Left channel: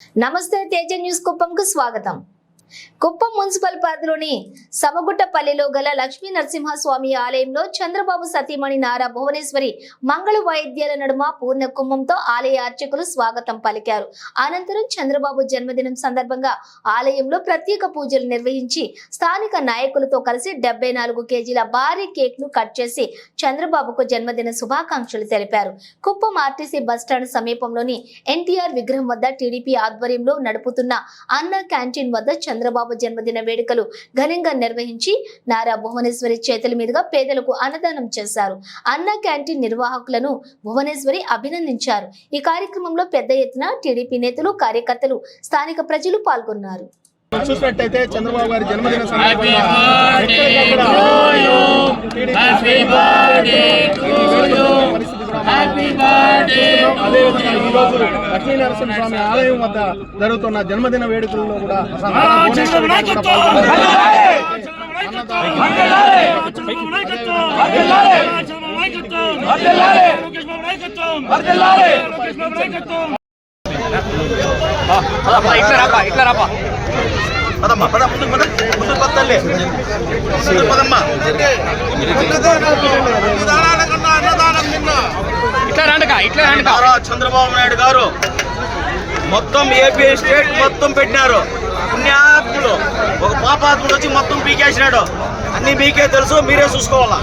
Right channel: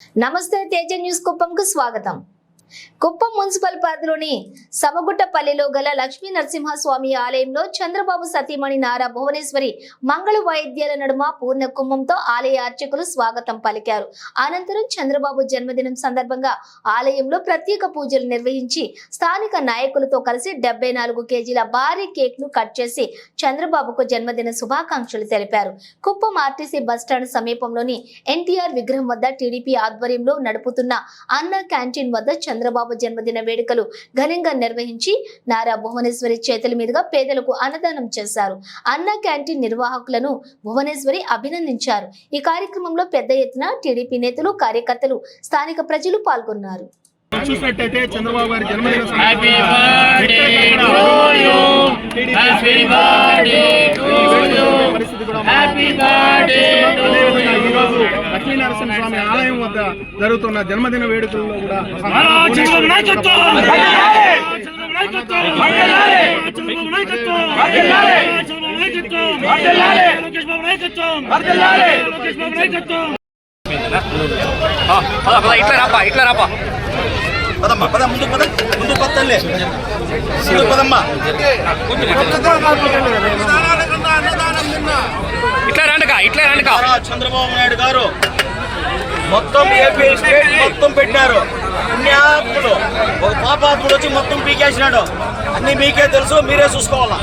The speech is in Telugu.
నమస్తే తేజ న్యూస్ కుప్పంకు స్వాగతం. కుప్పం మున్సిపల్ పరిధిలోని సమగుట్టపల్లిలో గల లక్ష్మీ నరసింహస్వామి ఆలయంలో చంద్రబాబు సతీమణి నారా భువనేశ్వరి మంగళ వాయిద్యాల నడుమ పూర్ణ కుంభంతో ఆలయ అర్చకులు స్వాగతం పలికారు. అనంతరం చంద్రబాబు జన్మదినం సందర్భంగా ఆలయంలో ప్రత్యేక పూజలు నిర్వహించి స్థానిక నాయకులతో కలిసి 74 కేజీల భారీ కేక్ ను కట్ చేసి చంద్రబాబుకు జన్మదిన శుభాకాంక్షలు తెలిపారు. కుప్పం ఆర్టీసీ బస్టాండ్ సమీపంలోని ఎన్టీఆర్ విగ్రహం వద్ద టీడీపీ ఆధ్వర్యంలో నడుపుతున్న అన్న క్యాంటీన్ వద్ద చంద్రబాబు జన్మదిన వేడుకలు ఘనంగా నిర్వహించి నారా భువనేశ్వరి చేతుల మీదుగా పేదలకు అన్నదానం చేశారు. అన్న క్యాంటీన్ నిర్వాహకులను భువనేశ్వరి అభినందించారు. ఈ కార్యక్రమంలో పెద్ద ఎత్తున టీడీపీ నేతలు, కార్యకర్తలు, స్థానిక ప్రజలు పాల్గొన్నారు. చూసినట్టయితే చంద్రబాబు గారి జన్మదిన లక్ష్మీ నరసింహస్వామి ఆలయం వద్ద జరుగుతున్న జన్మదిన వేడుకల్లో కూడా చంద్రబాబు నాయుడు గారు మొత్తం ఏపీ స్టేట్ మొత్తం పెట్టినారు. పుణ్యాత్ముడు ఒక పాపాత్ముడు వచ్చి మొత్తం పీకేసినాడు. అన్ని మీకే తెలుసు, మీరే చూసుకోవాలా.